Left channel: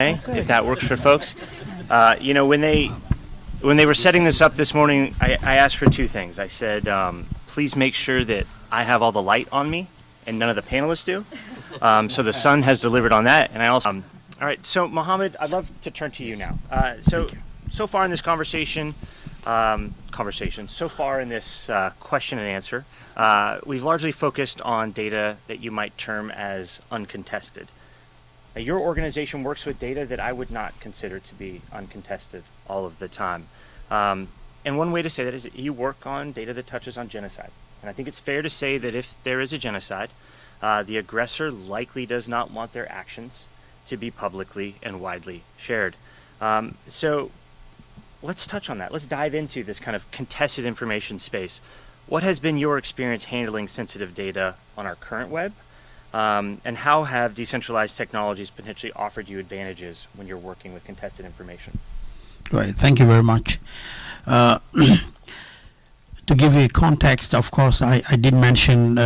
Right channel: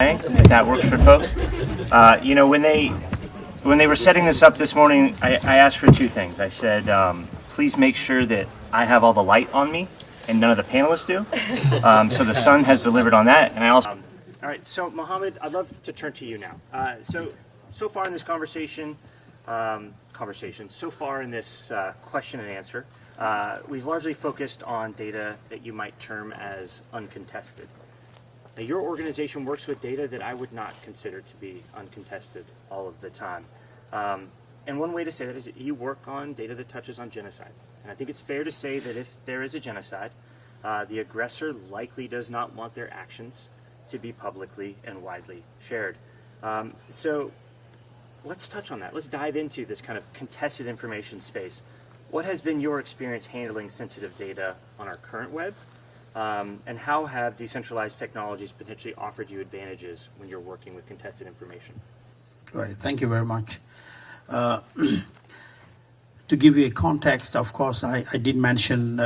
if that works for folks. When they were setting this up this morning, I asked for two things. I said, please make sure that I have all the light on me and none of the panelists do. So the sun has delivered on that. And I also, all right, so Mohammed, I'd love to turn to you now. So far in this conversation, so far in this question and answer, we've largely focused on data that you might term as uncontested. Now, your organization works with data that I would not consider to be uncontested all of the time. And one way to say that is that you work on data that touches on genocide. And I think it's fair to say that if there is a genocide, the aggressor likely does not want their actions to be publicly and widely shared. So let's touch on that. Let's dive into this kind of contested information space. What has been your experience handling sensitive data on our current web? And how have decentralized technologies potentially offered you advantages when you're working with contested information? Right, thank you very much. To give you a context, of course, I did mention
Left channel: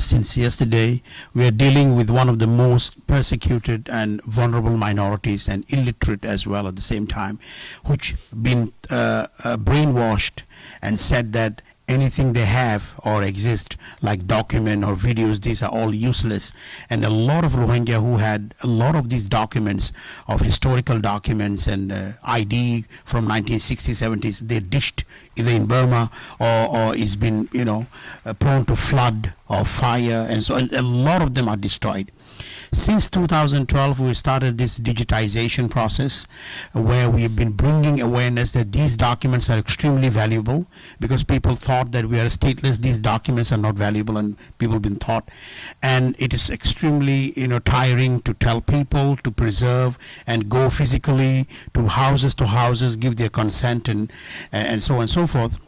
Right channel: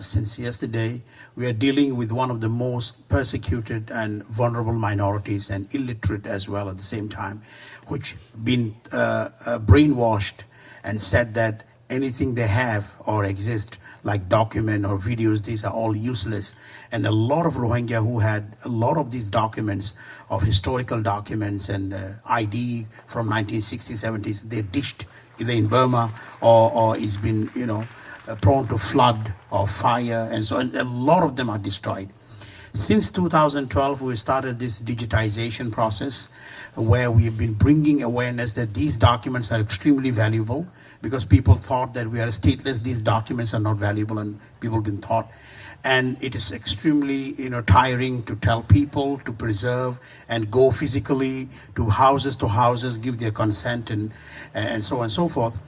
since yesterday, we are dealing with one of the most persecuted and vulnerable minorities and illiterate as well at the same time, which been brainwashed and said that anything they have or exist like document or videos, these are all useless. And a lot of Rohingya who had a lot of these documents of historical documents and ID from 1960s, 70s, they're dished either in Burma or it's been, prone to flood or fire, and so and a lot of them are destroyed. Since 2012, we started this digitization process where we've been bringing awareness that these documents are extremely valuable because people thought that we are stateless, these documents are not valuable, and people have been taught. And it is extremely, tiring to tell people to preserve and go physically to houses, give their consent and so on and so forth.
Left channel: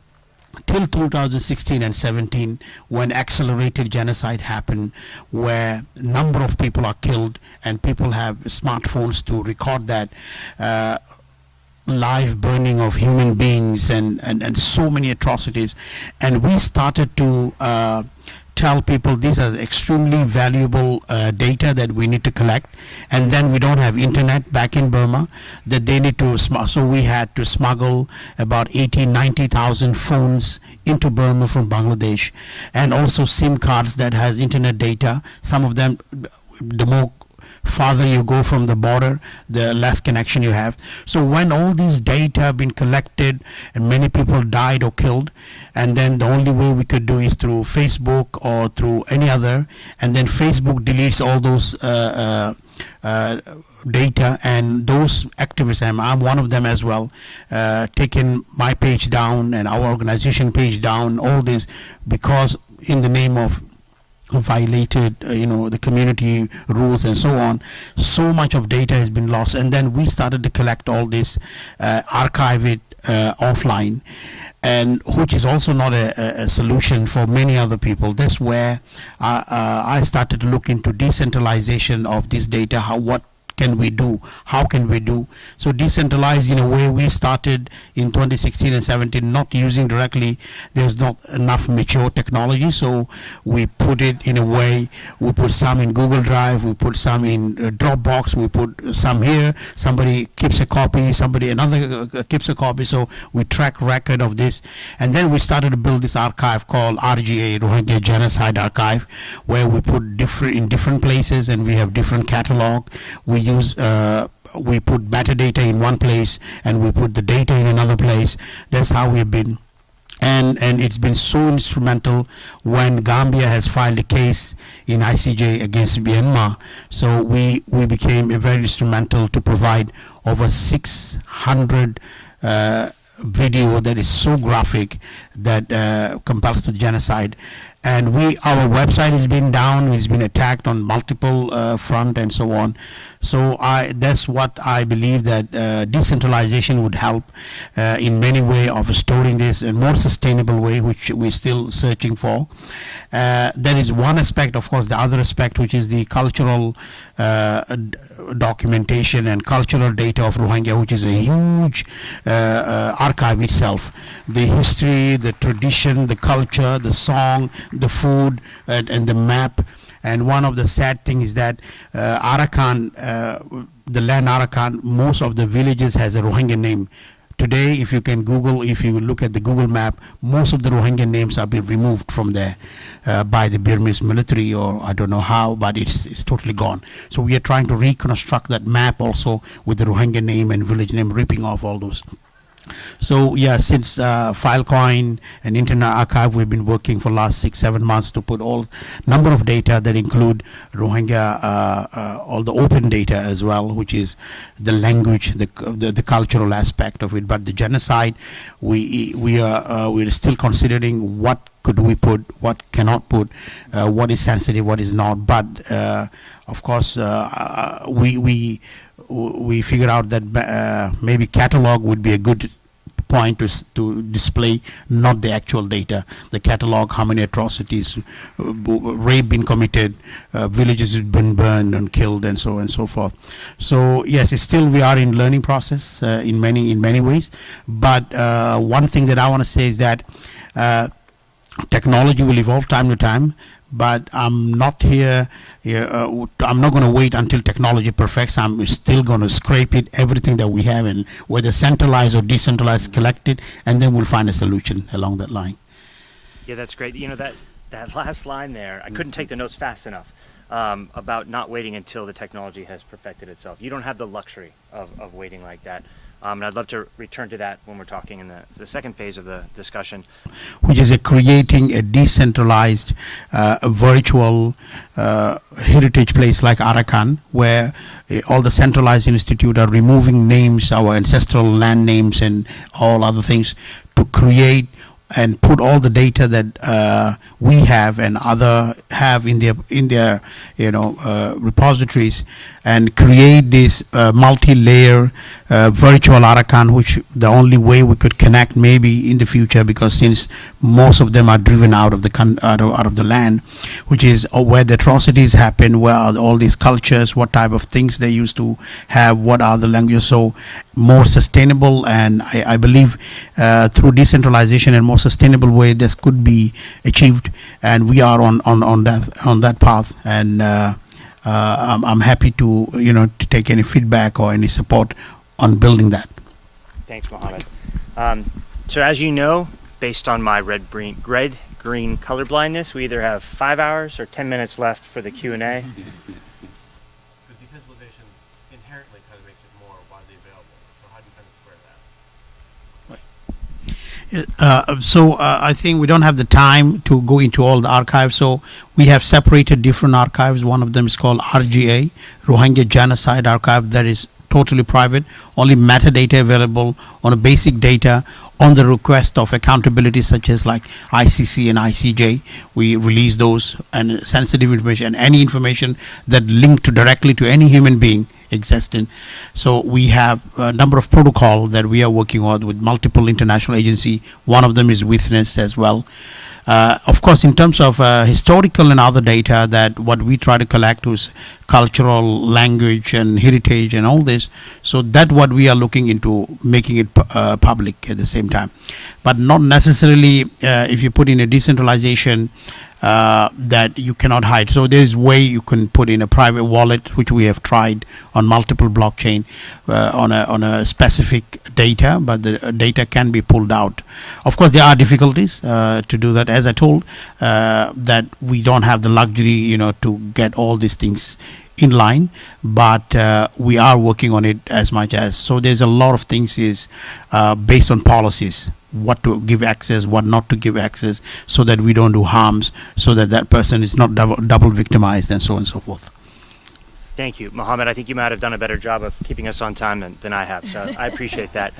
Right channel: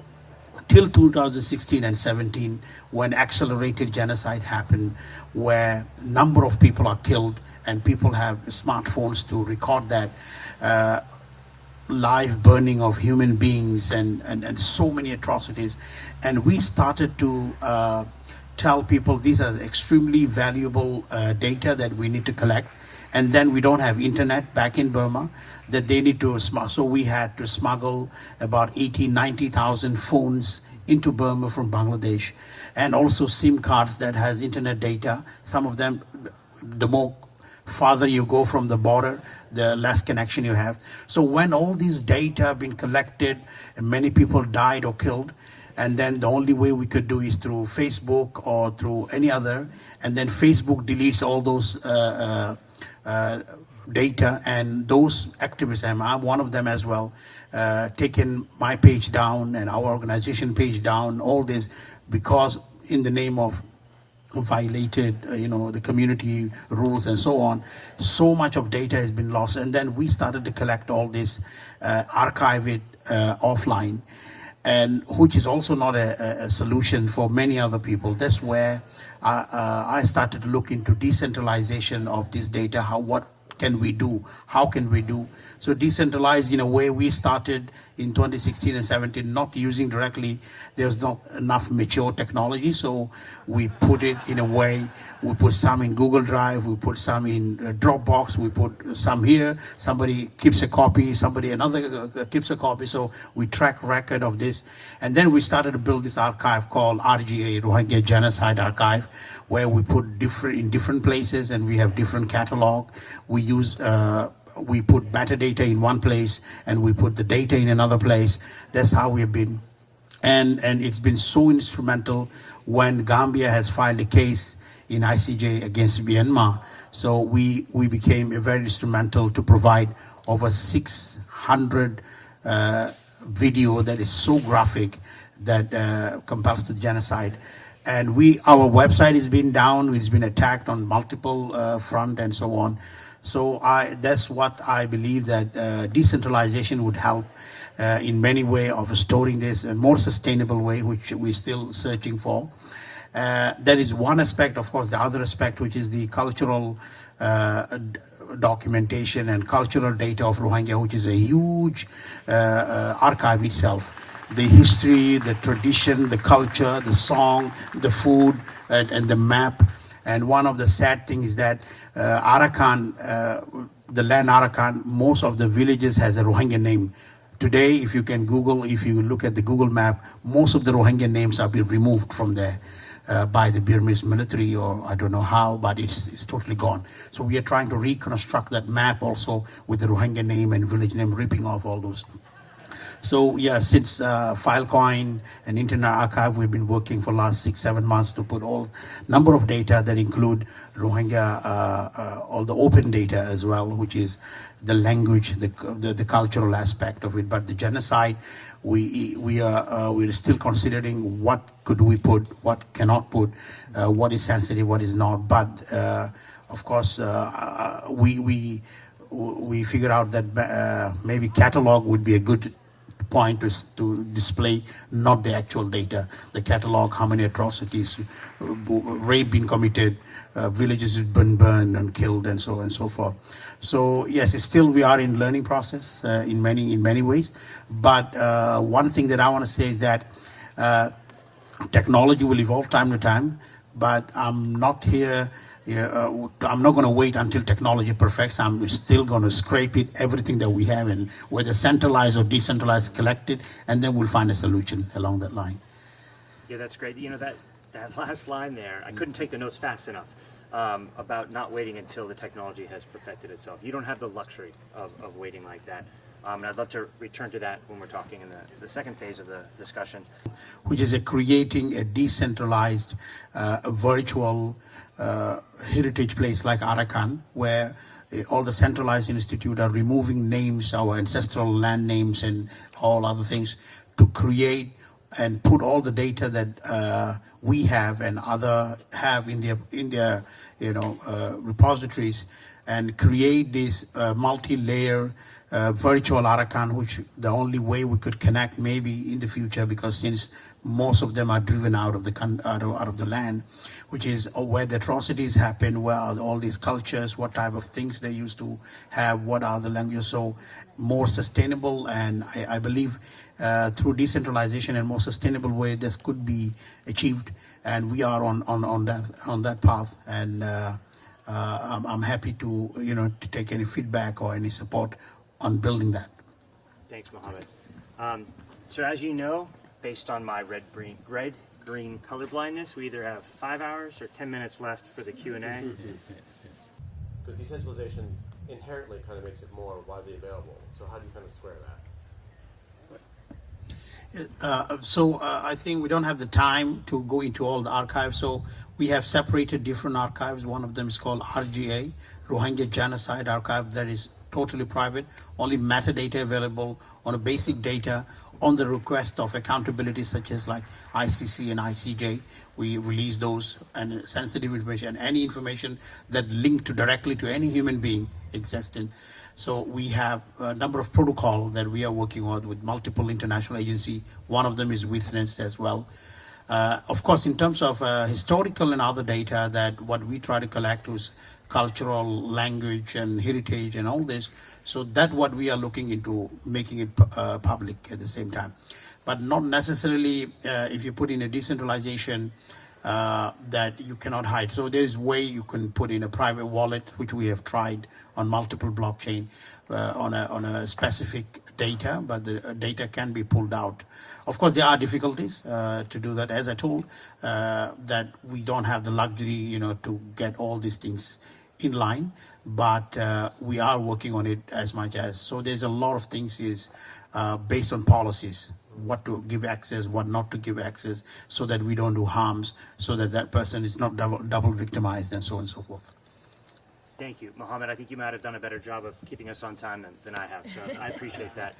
Till 2016 and 17, when accelerated genocide happened, where a number of people are killed and people have smartphones to record that live burning of human beings and so many atrocities. And we started to tell people these are extremely valuable data that we need to collect, and then we don't have internet back in Burma, that they need to so we had to smuggle about 90,000 phones into Burma from Bangladesh, and also SIM cards that has internet data. Some of them, the more farther you go from the border, the less connection you have. So when all these data have been collected and many people died or killed, and then the only way we could do is through Facebook or through any other, and then Facebook deletes all those data, and those activists, I'm one of them as well, taken my page down and our organization page down, all this because in the name of violated the community rules and so on. So much of data has been lost, and then we started to collect all this, archive it offline, and which is also not a solution for many other people. That's where I started to look into decentralization of this data. What can we do? How can we do? So decentralized, in a way, we started in 2016 and 17 not using directly. There's not enough mature technology, so we put it in a way. We put some in Google Drive, we put some in Dropbox, we put some here. Somebody keeps a copy, another keeps a copy. So we track record of this, and then we started to build this archive called RGA, Rohingya Genocide Archive, where we put in different places, and we have different catalog. We put metadata in one place and we put the data in another place. That's how we've been. And it's been so instrumental when Gambia has filed a case in ICJ against Myanmar. So we became very instrumental to provide over 600 video that is so graphic that compares to genocide. And our website has been down, it's been attacked on multiple front and so on. So that's what I believe, that decentralization would help in many ways of storing this in a more sustainable way, which we're still searching for. There is one aspect, of course, the other aspect, which is the cultural documentation and cultural data of Rohingya, which is a huge archive itself. The history, the tradition, the culture, the song, the food, and the map, And one of the sad things is that Arakan, the land Arakan, most of the villages has a Rohingya name. Today, if you can Google, if you look at the Google map, most of the Rohingya names have been removed from there by the Burmese military, or I don't know how, but it's totally gone. So we are trying to reconstruct that map also with the Rohingya name and village name, ripping off all those. So yeah, since Filecoin and Internet Archive, we've been working for last 6-7 months to put all number of data that include Rohingya, all the open data as well, which is the language, the cultural aspect of it. But the genocide, we're still considering what could we put, what cannot put, what is sensitive, what is not. But of course, we figure out that maybe catalog would be a good point to display, not the actual data, the catalog, how many atrocities, rape been committed, villages been burned and killed, and so on and so forth. So yes, it's still we are in learning process in many ways. But one thing that I want to say is that technology will evolve time to time, but I'm not here. I'm not going to wait until technology perfects. I'm still going to scrape it, everything that we have, and whether centralized or decentralized, collect it, and then we'll find a solution along that line. Yeah, that's great. You know, that last line there, I couldn't take the notes fast enough about not waiting until the technology has perfected itself. You don't have the luxury of waiting like that. And I'd love to return to that when we're talking in the second phase of the discussion. Which is creating a decentralized virtual heritage place like Arakan, where all the centralized institute are removing names, our ancestral land names and all other things, to create and put all the data that we have and other have in their repositories, and create this multi-layer virtual Arakan, which the only way we could connect maybe in the future, because since most of them are driven out of the land, which is where the atrocities happen, where are all these cultures, what type of things they used to have, what are the languages, so more sustainable. And I believe through decentralization and more sustainable way, this could be achieved, and we are on that path. And I'm happy to to take any feedback or any support on building that. Thanks, Mohammed. So as you know, based on my red-green color blindness, we either have 5 hours or 10 minutes left for the Q&A. The decentralization inherently kind of makes it more widely available. So how do you kind of square that? I think we don't have the time to go into all the archives, so we have separated different archives. One of them is called RGA, Rohingya Genocide Archive, that is totally private, only metadata available on a basic data on the request of accountability, such as like ICC and ICJ. We release those, and sensitive information, any information that linked directly to any human being existing. So we have a number of protocol that we are working on with multiple international agency. One of them is Witness as well. Of course, in terms of historical and other data, that what we try to collect is cultural, language and heritage and all this. So that what we are looking into, making it public at the same time. But not necessarily if you put in a decentralization that you cannot hide. So there's way you can put in a private wallet, which we have tried on multiple blockchain on a specific data, but the data can be pulled out. Of course, there are difficulties to do that. As I told, that we don't have the luxury, to get all these things in line, but we are working on it as much as. So there's a lot of things is based on policies, what to give access, what not to give access, so that we don't do harms, so that that person is not double victimized, and so on and so forth. Thank you, Mohammed. I think you might have done a better job of keeping us on time than I have, so I appreciate that.